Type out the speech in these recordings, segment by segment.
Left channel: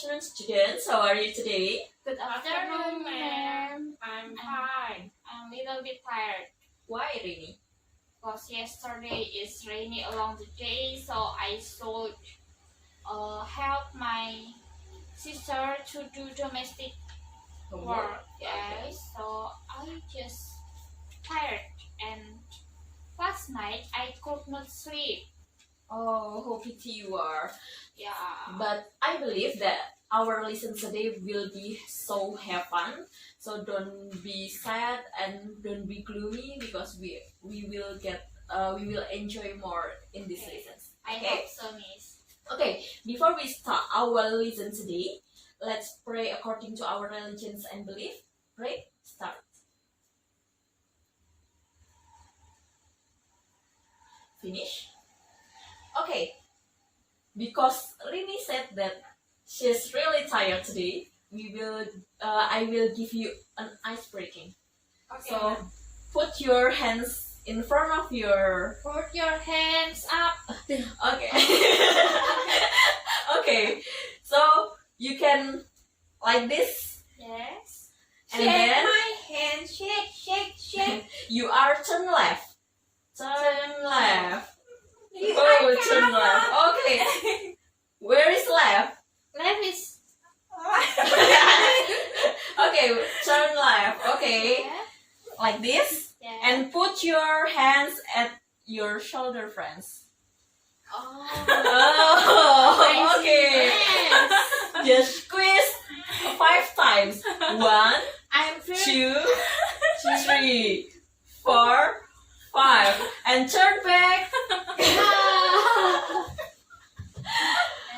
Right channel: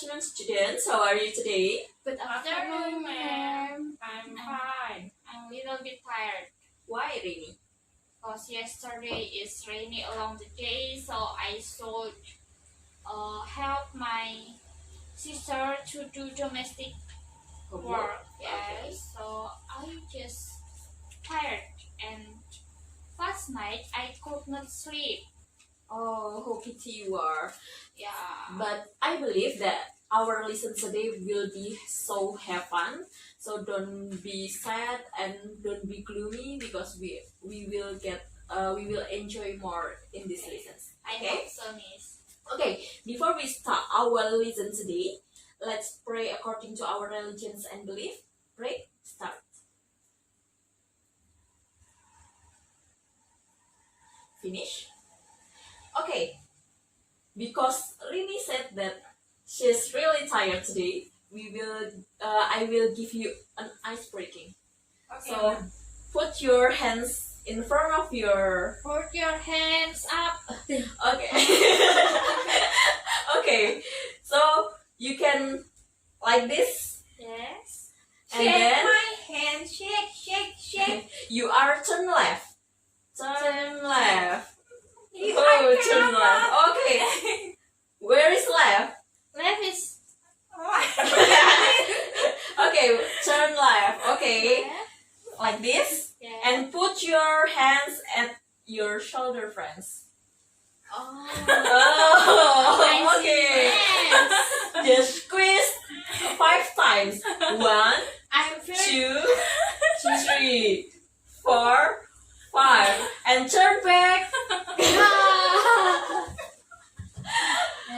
afternoon, students. How are you today? Good afternoon, ma'am. I'm fine. I'm a little bit tired Why, Rini? because yesterday is rainy along the day, so I should help my sister to do domestic work. Okay. Yes, so I just tired, and last night I could not sleep. Oh, how pity you are. Yeah. But I believe that our lesson today will be so have fun. So don't be sad and don't be gloomy because we will enjoy more in these lessons. I Okay. hope so, Miss. Okay, before we start our lesson today, let's pray according to our religions and belief. Pray, start. Finish? Okay, because Rini said that she's really tired today, I will give you an ice breaking. Okay. So put your hands in front of your. Put your hands up. Okay. Okay, so you can like this, Yes. and shake then my hand, shake. you are turn left. Turn left. You Oh, are turn left. Okay. Where is left? Left is Okay, turn left. Okay, left. like this, Yeah. and put your hands at your shoulder, friends. Oh. Oh, okay. Yes. Just squeeze 5 times. 1, I'm very 2, 3, 4, 5, and turn back.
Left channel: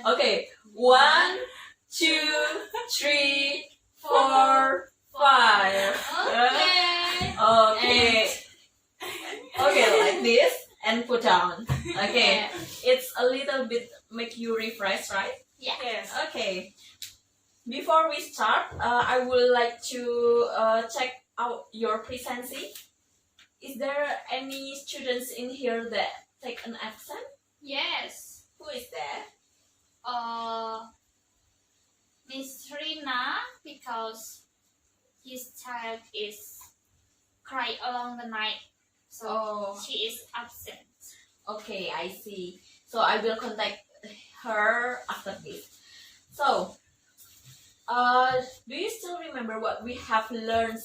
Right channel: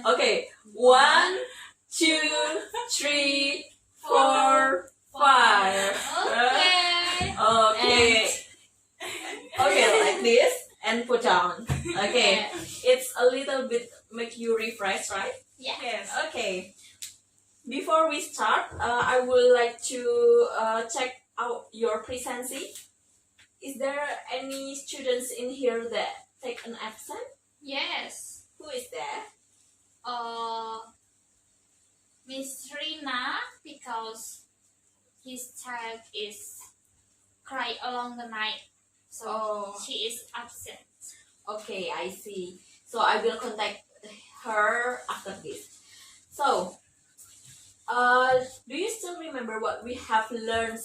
Okay, 1, 2, 3, 4, 5. Okay. Okay. Okay, like this and put down. Okay, it's a little bit make you refresh, right? Yeah. Yes. Okay. Before we start, I would like to check out your presency. Is there any students in here that take an absent? Yes. Who is there? Miss Rina, because his child is cry along the night, so Oh. she is absent. Okay, I see. So I will contact her after this. So, do you still remember what we have learned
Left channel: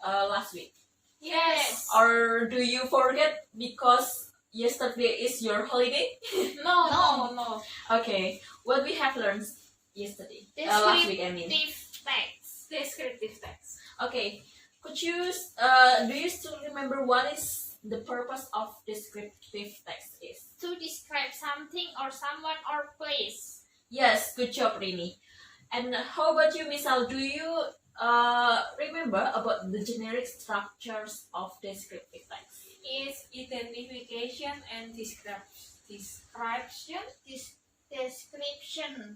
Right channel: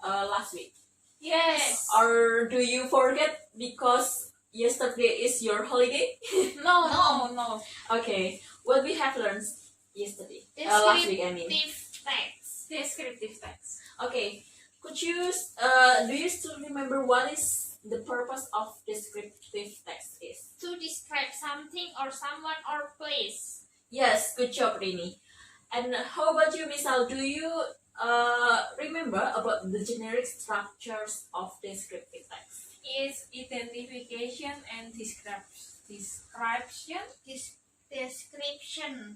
last week? Yes. Or do you forget because yesterday is your holiday? No. Okay, what we have learned yesterday, last week, I mean. Descriptive text. Descriptive text. Okay, could you do you still remember what is the purpose of descriptive text is? To describe something or someone or place. Yes, good job, Rini. And how about you, Misal? Do you remember about the generic structures of descriptive text? Is identification and description. Description.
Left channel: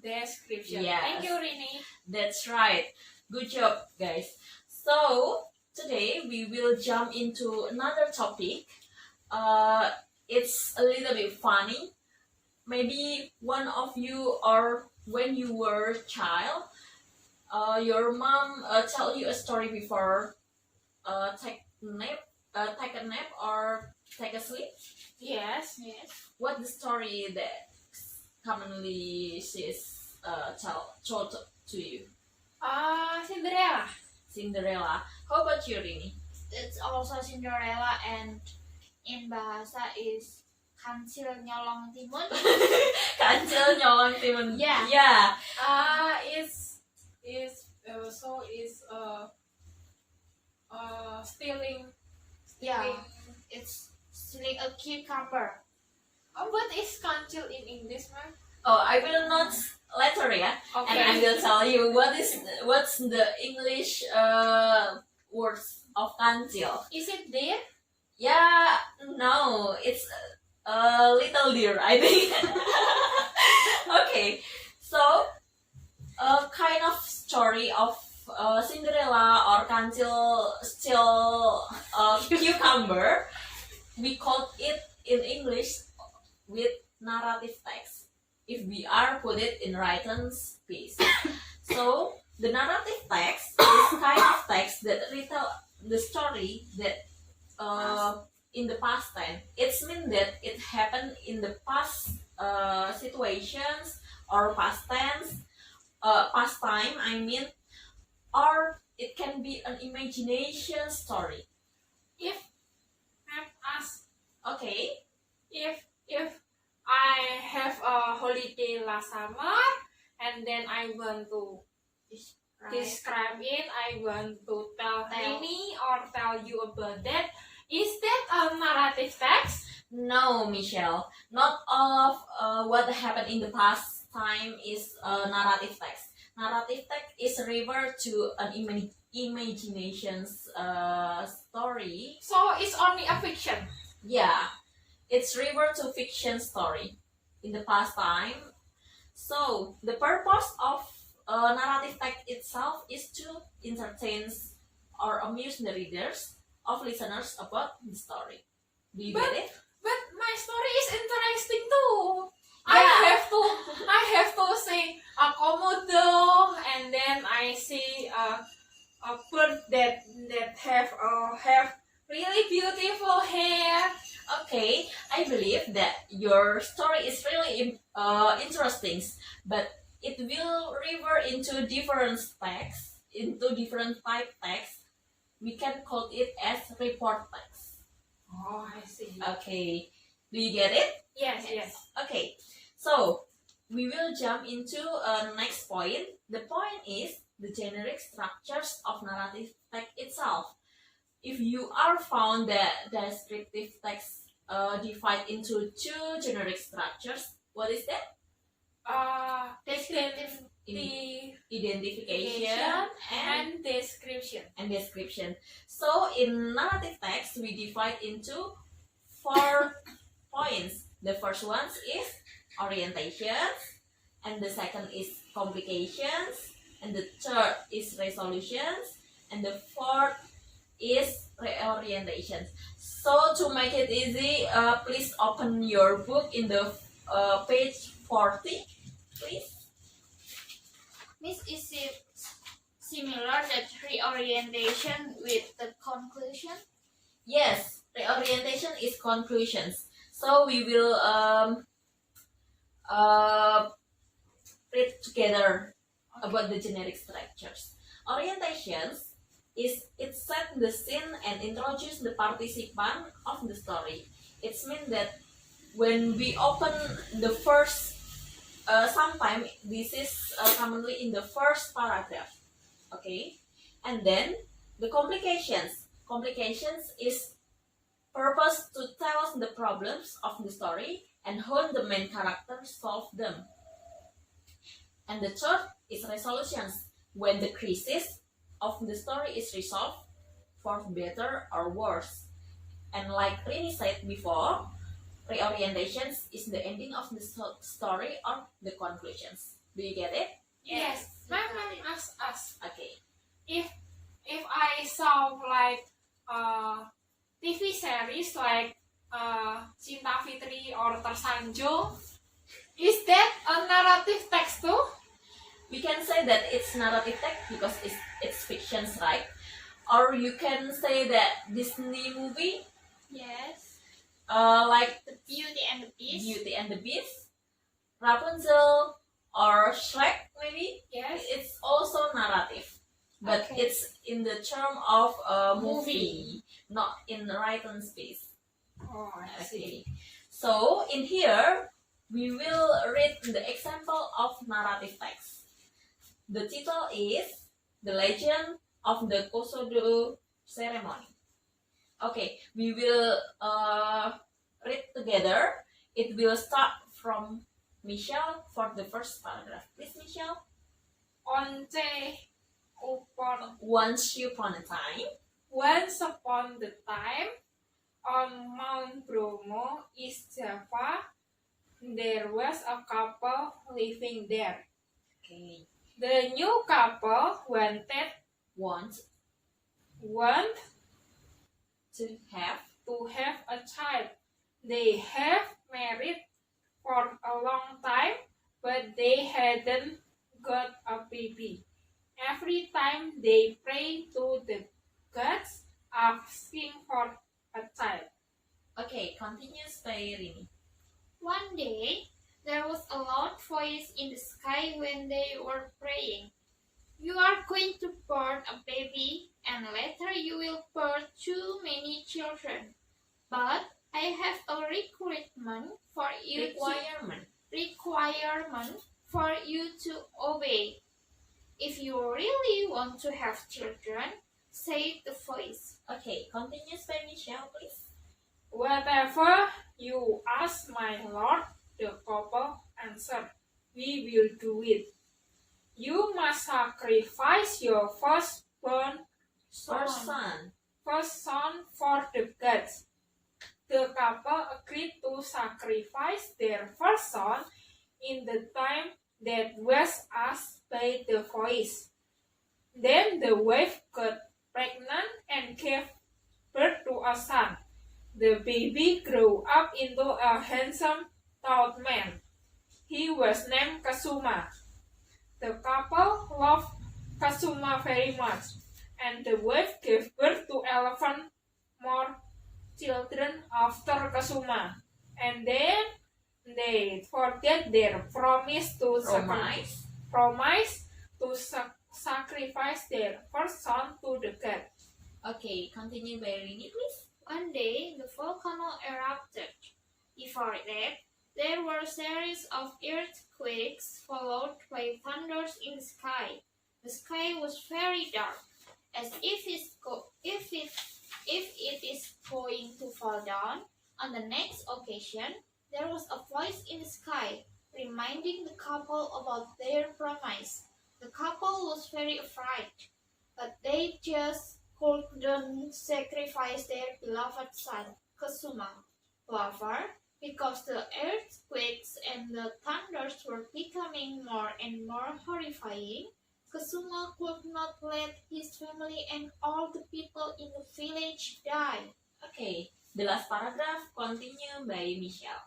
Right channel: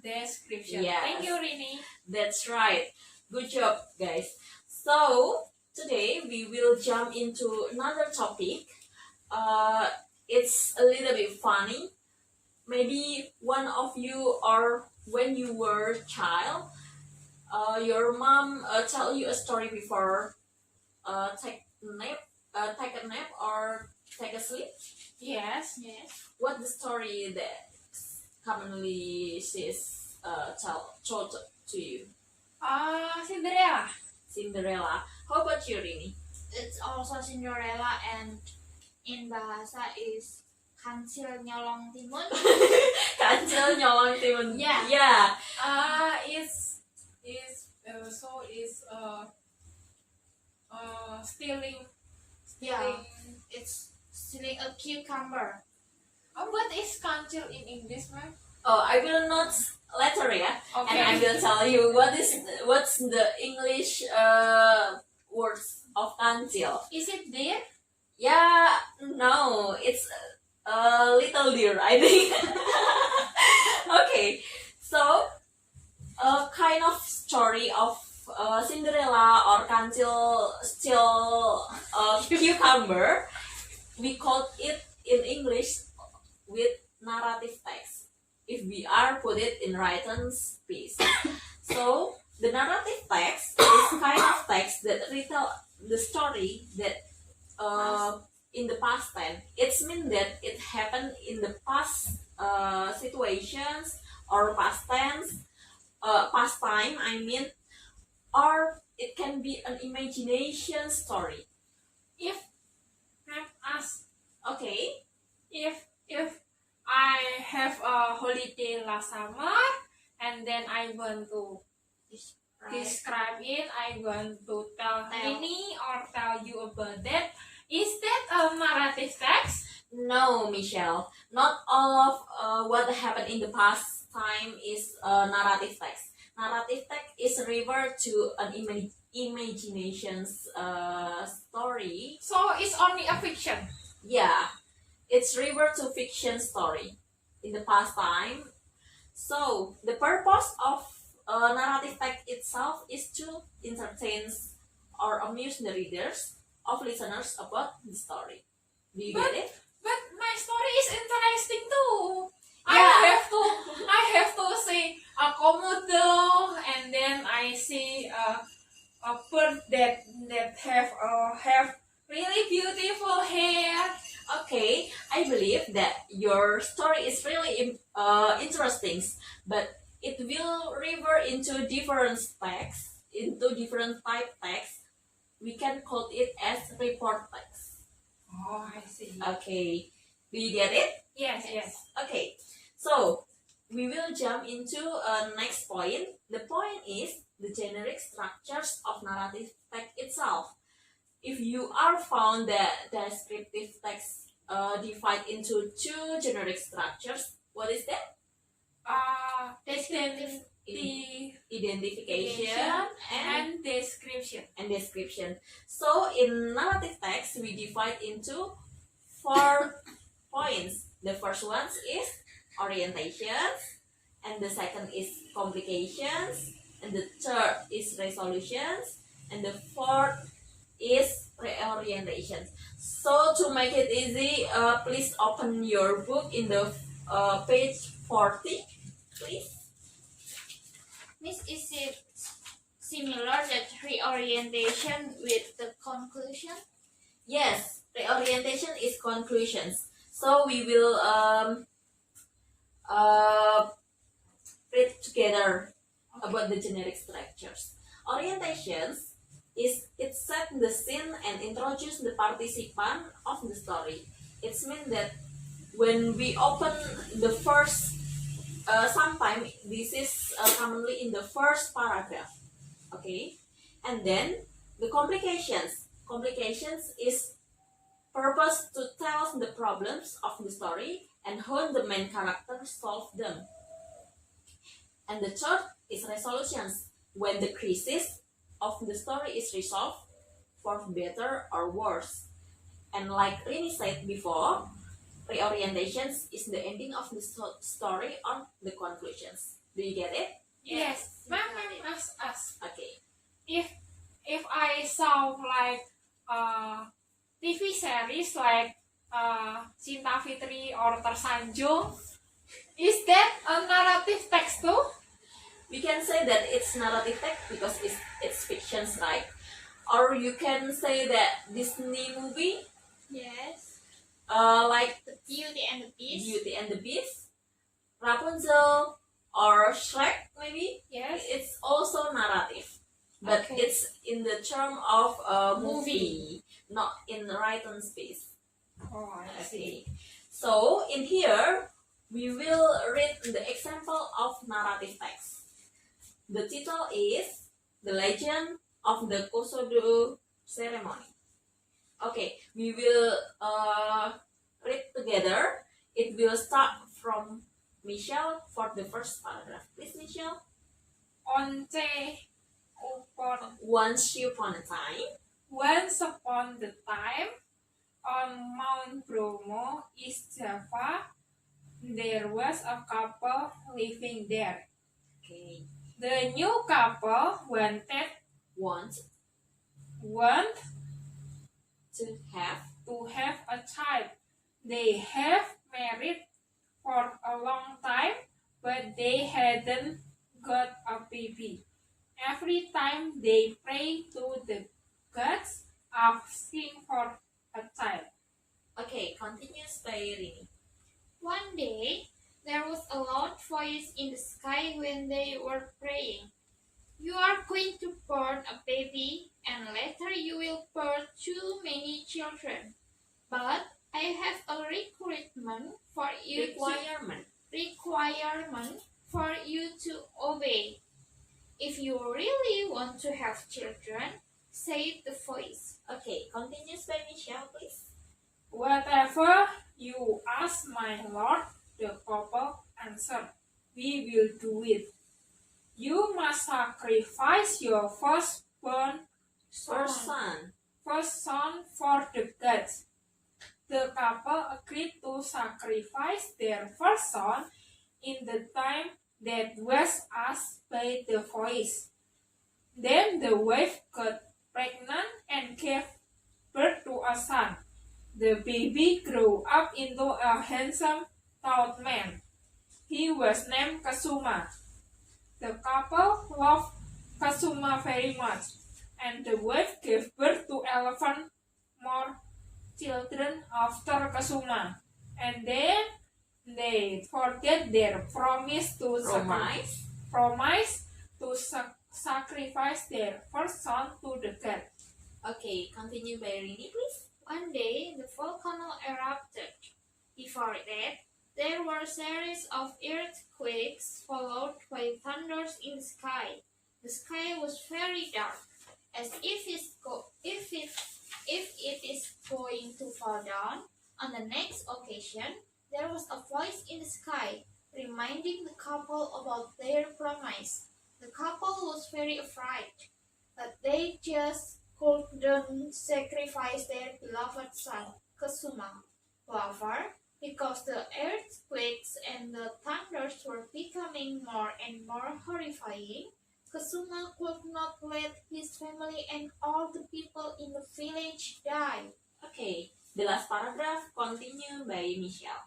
Description. Yes. Thank you, Rini. That's right. Good job, guys. So today we will jump into another topic. It's a little bit funny. Maybe one of you, or when you were a child, your mom tell you a story before take a nap or take a sleep. Yes. Yes. What the story that commonly she's told to you? Cinderella. Cinderella. How about you, Rini? It's also Cinderella, and in bahasa is Kancil Nyolong Timun. Kancil nyolong timun. Yeah. Yeah. Is stealing. Yeah. It's stealing a cucumber. Oh, what is kancil in English, ma'am? Oh, I will not later, yeah. Okay. And I will tell you what's the English words of kancil. Is it there? Yeah, no, it's a little deer, I think. Okay, so a kind of story of Cinderella or kancil still cucumber. We called it in English with narrative text. if we are put it in written space. So the narrative text is kind of text that retell the story that in the past time. It's mean that it happened in the past situations or past tense, past time. I mean, or it can be an imagination story. If I'm asked, Okay. if I have a holiday last summer and then I want to describe it, I want to tell Rini or tell you about that. Is that a narrative text? No, Michelle. Not all of what happened in the past time is narrative text. Narrative text is referred to an imagination's story. So it's only a fiction. Yeah, it's referred to fiction story in the past time. So the purpose of narrative text itself is to entertain or amuse the readers of listeners about the story. Do you get it? But my story is interesting too. Yeah. I have to see a komodo, and then I see a bird that have really beautiful hair. Okay, I believe that your story is really interesting, but it will refer into different texts, into different type text. We can call it as report text. Oh, I see. Okay, do you get it? Yes, yes. Okay, so we will jump into next point. The point is the generic structures of narrative text itself. If you are found that descriptive text divide into two generic structures, what is that? Descriptive Identification and description. and description. So in narrative text, we divide into 4 points. The first one is orientations, and the second is complications, and the third is resolutions, and the fourth is reorientations. So to make it easy, please open your book in the page 40, please. Miss, is it similar that reorientation with the conclusion? Yes, reorientation is conclusions. So we will read together about the generic structures. Orientations is it set the scene and introduce the participant of the story. It's mean that when we open the first, sometimes this is commonly in the first paragraph, okay, and then the complications is purpose to tell the problems of the story and how the main character solve them. And the third is resolutions, when the crisis of the story is resolved for better or worse. And like Rini said before, reorientations is the ending of the story or the conclusions. Do you get it? Yes. Ma'am, ask us. Okay. If I saw like TV series like Cinta Fitri or Tersanjung, is that a narrative text too? We can say that it's narrative text because it's fictions, right? Or you can say that Disney movie, Yes. like The Beauty and the Beast. Beauty and the Beast, Rapunzel, or Shrek, maybe. Yes. It's also narrative, but Okay. it's in the term of a movie, not in the written space. Oh, I see. Okay. So in here, we will read the example of narrative text. The title is The Legend of the Kosodo Ceremony. Okay, we will read together. It will start from Michelle for the first paragraph. Please, Michelle. Once Upon a time, upon the time, on Mount Bromo, East Java, there was a couple living there. okay, The new couple want want to have to have a child. They have married for a long time, but they hadn't got a baby. Every time they prayed to the gods asking for a child. Okay, continues by Rini. One day, there was a loud voice in the sky when they were praying. You are going to birth a baby, and later you will birth too many children. But I have a requirement for you to obey. If you really want to have children, say the voice. Okay, continues by Michelle, please. Whatever you ask, my lord, the couple answered, we will do it. You must sacrifice your firstborn first son for the gods. The couple agreed to sacrifice their first son in the time that was asked by the voice. Then the wife got pregnant and gave birth to a son. The baby grew up into a handsome, tall man. He was named Kasuma. The couple loved Kasuma very much, and the wife gave birth to 11 more children after Kasuma. And then they forget their promise to sacrifice their first son to the god. Okay, continue by Rini, please. One day, the volcano erupted. Before that, there were a series of earthquakes followed by thunders in the sky. The sky was very dark, as if it is going to fall down. On the next occasion, there was a voice in the sky, reminding the couple about their promise. The couple was very afraid, but they just couldn't sacrifice their beloved son, Kasuma. However, because the earthquakes and the thunders were becoming more and more horrifying, Kasuma could not let his family and all the people in the village die. Okay, the last paragraph continue by Michelle.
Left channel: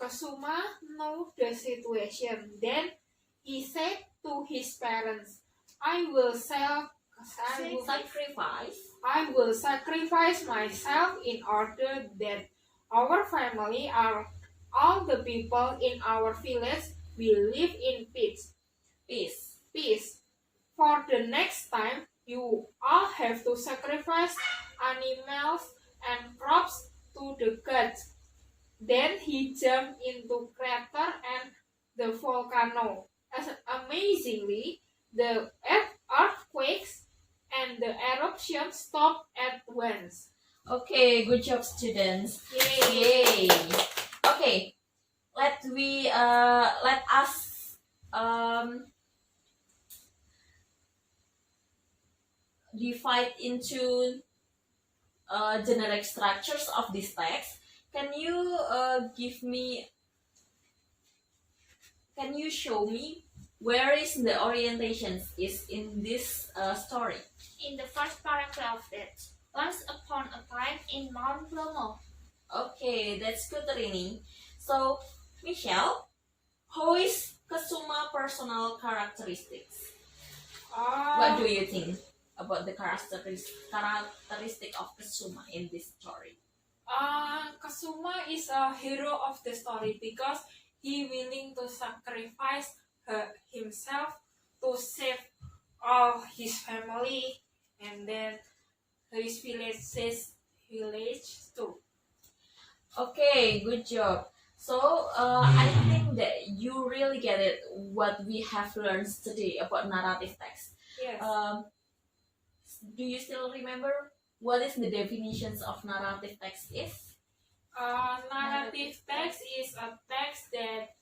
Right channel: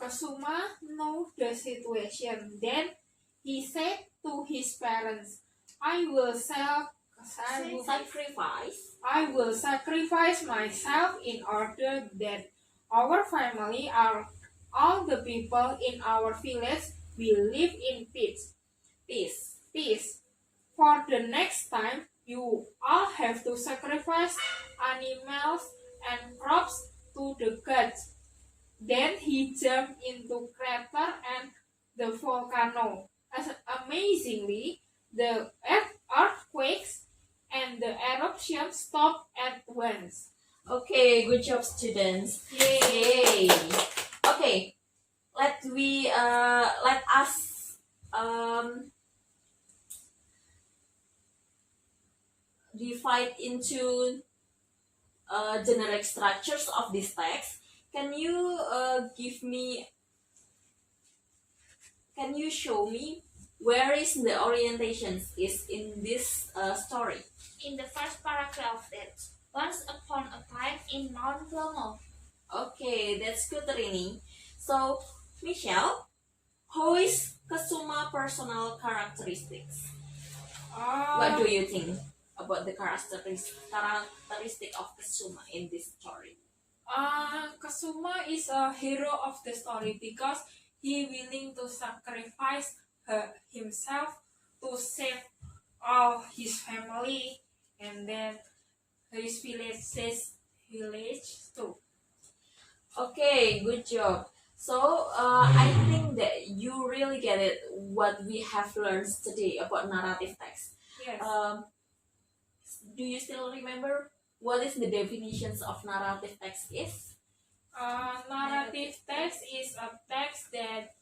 Kasuma knew the situation. Then he said to his parents, I will sacrifice myself in order that our family and all the people in our village will live in peace. For the next time, you all have to sacrifice animals and crops to the gods. Then he jumped into crater and the volcano. Amazingly, the earthquakes and the eruption stopped at once. Okay, good job, students. Yay! Okay, let us divide into generic structures of this text. Can you show me where is the orientations is in this story? In the first paragraph, that once upon a time in Mount Bromo. Okay, that's good, Rini. So, Michelle, how is Kasuma personal characteristics? What do you think about the characteristic of Kasuma in this story? Kasuma is a hero of the story because he willing to sacrifice himself to save all his family and then his village too. Okay, good job. So I think that you really get it what we have learned today about narrative text. Yes. Do you still remember what is the definitions of narrative text is? Narrative text is a text that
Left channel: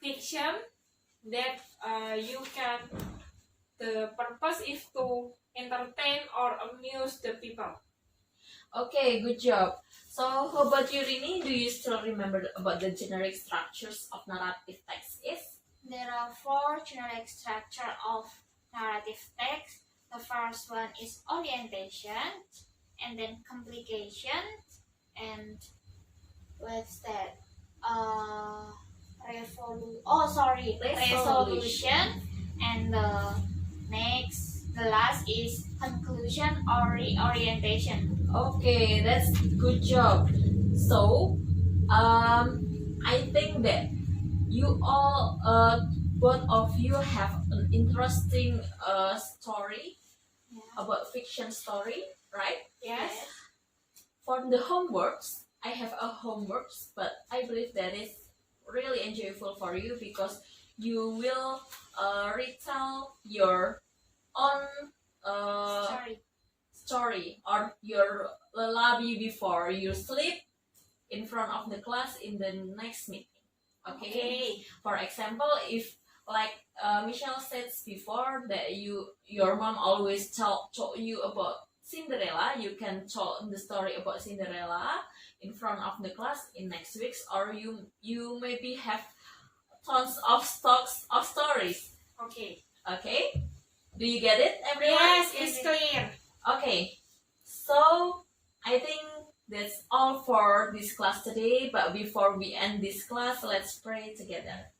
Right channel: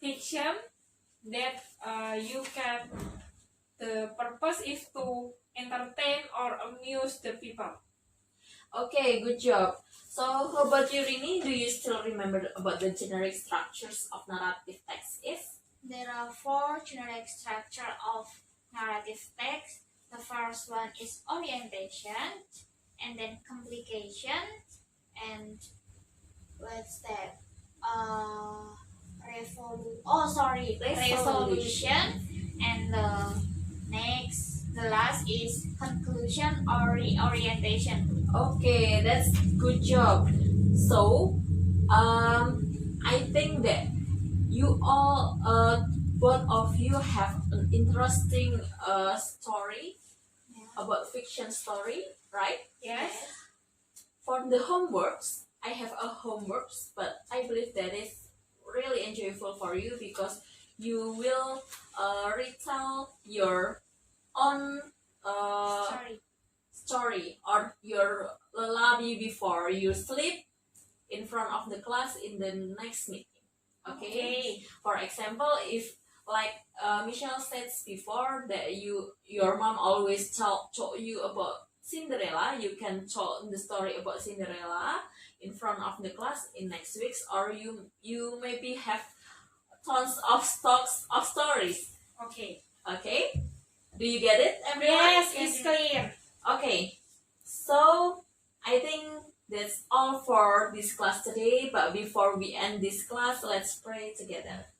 fiction that you can. The purpose is to entertain or amuse the people. Okay, good job. So how about you, Rini? Do you still remember about the generic structures of narrative text is? There are 4 generic structures of narrative text. The first one is orientation, and then complication, and what's that? resolution, and the last is conclusion or reorientation. Okay, that's good job. So, I think that you all, both of you have an interesting story about fiction story, right? Yes. For the homeworks, I have a homeworks, but I believe that is really enjoyable for you because you will retell your own story or your lullaby before you sleep in front of the class in the next meeting. Okay. For example, if like Michelle said before that your mom always told you about Cinderella, you can tell the story about Cinderella in front of the class in next weeks, or you maybe have tons of stocks of stories. Okay. Okay, do you get it, everyone? Yes, it's clear. Okay, so I think that's all for this class today. But before we end this class, let's pray together.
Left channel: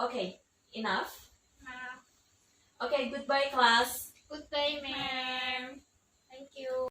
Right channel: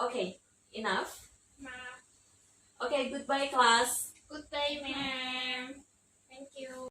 Okay, enough. Okay, goodbye, class. Goodbye, ma'am. Ma'am. Thank you.